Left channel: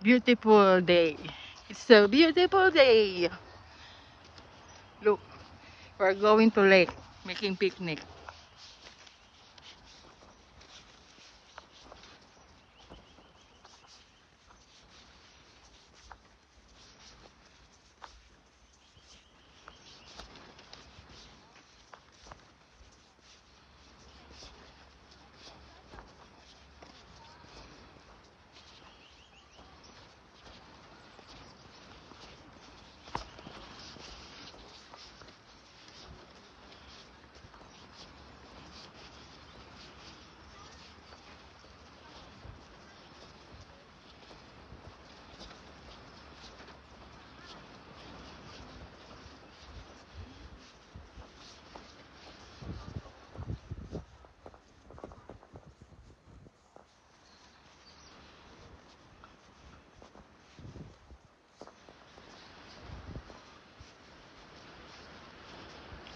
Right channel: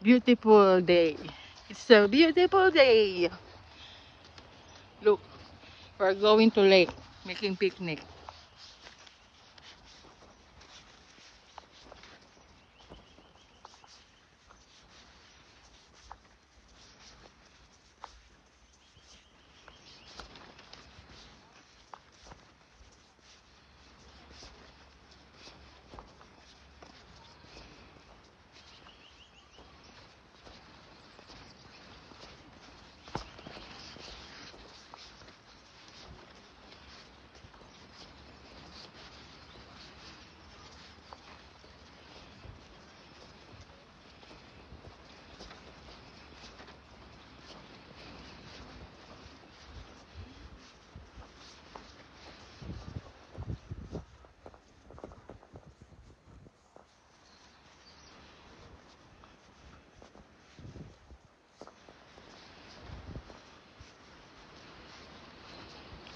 Beautiful day. It's a beautiful day. Look, we're going to lake, making picnic.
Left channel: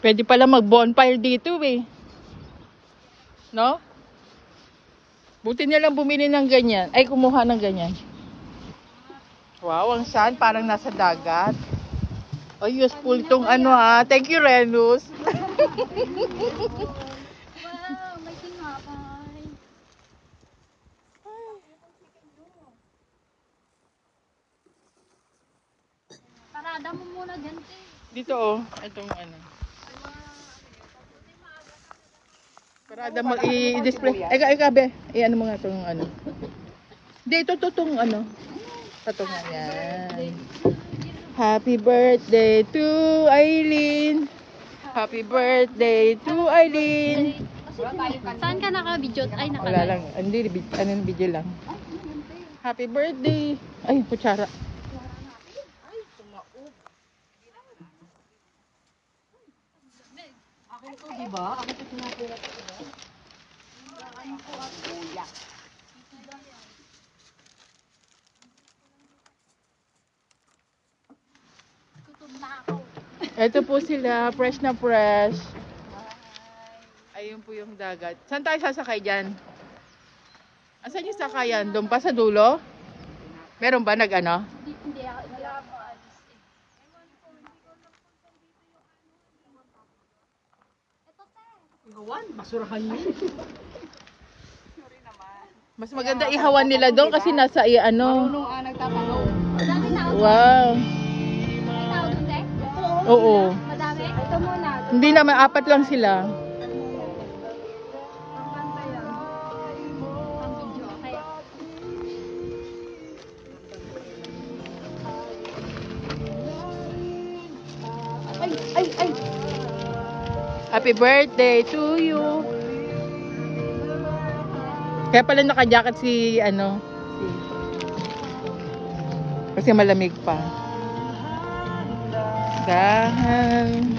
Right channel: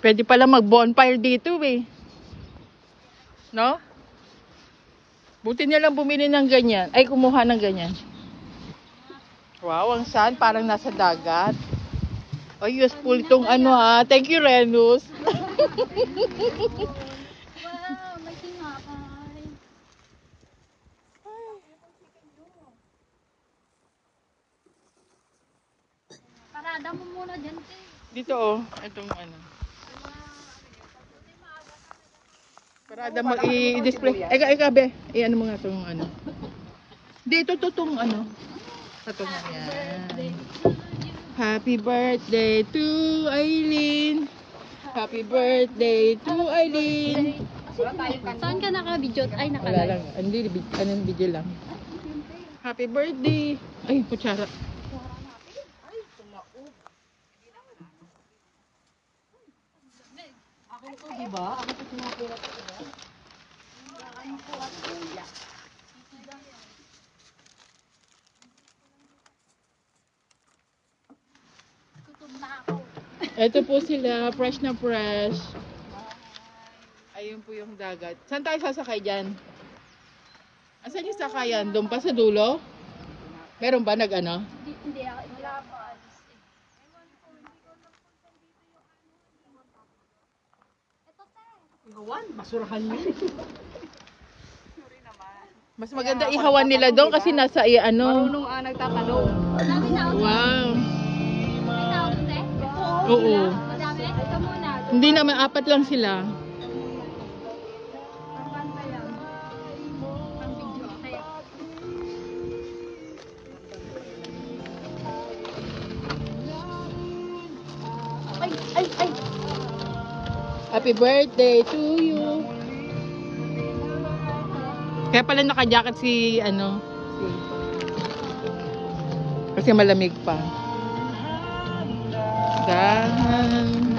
Pwede pala mag-bonfire dito eh. No? Buti nilang bumili ng ganyan. Ay, kumuha ng ganyan. Wow, ang sand. Parang nasa dagat. Oh, useful itong ano ha. Thank you, Renus. May tinapay. Parada mo muna dyan, te. Dito oh. Itong ano. Parada mag-i-display. Eka, be. Ano mo nga itong ano. Dito, itong ano. Ito nga yan. Happy birthday to Aileen. Happy birthday to Aileen. Saan ka naka-video? Ay, Wala lang. Hindi, video lang. Happy birthday. Ay, kutsara. Ako ito, di ba? Ako ito pinapulat ko, diba? Tutog na ako. Ito po sila, fresh na fresh. Ayun po yung dagat. Saan tayo sasakay dyan? Asan yung sakayan? Doon pa sa dulo? Meron ba nag-ano? Hindi, wala pa. Ihawan, basurahan yun. Mas maganda ihawan nila doon kasi nasa ano. Marunong nagtatanong. Wow. Ikaw, te? Oo. Madami? Ito muna. Hindi naman, 4 lang sila. Pang-video. Kaya, Happy birthday to you. Kaya pala naka-jacket si ano. Kasi malamig pa. Dahan.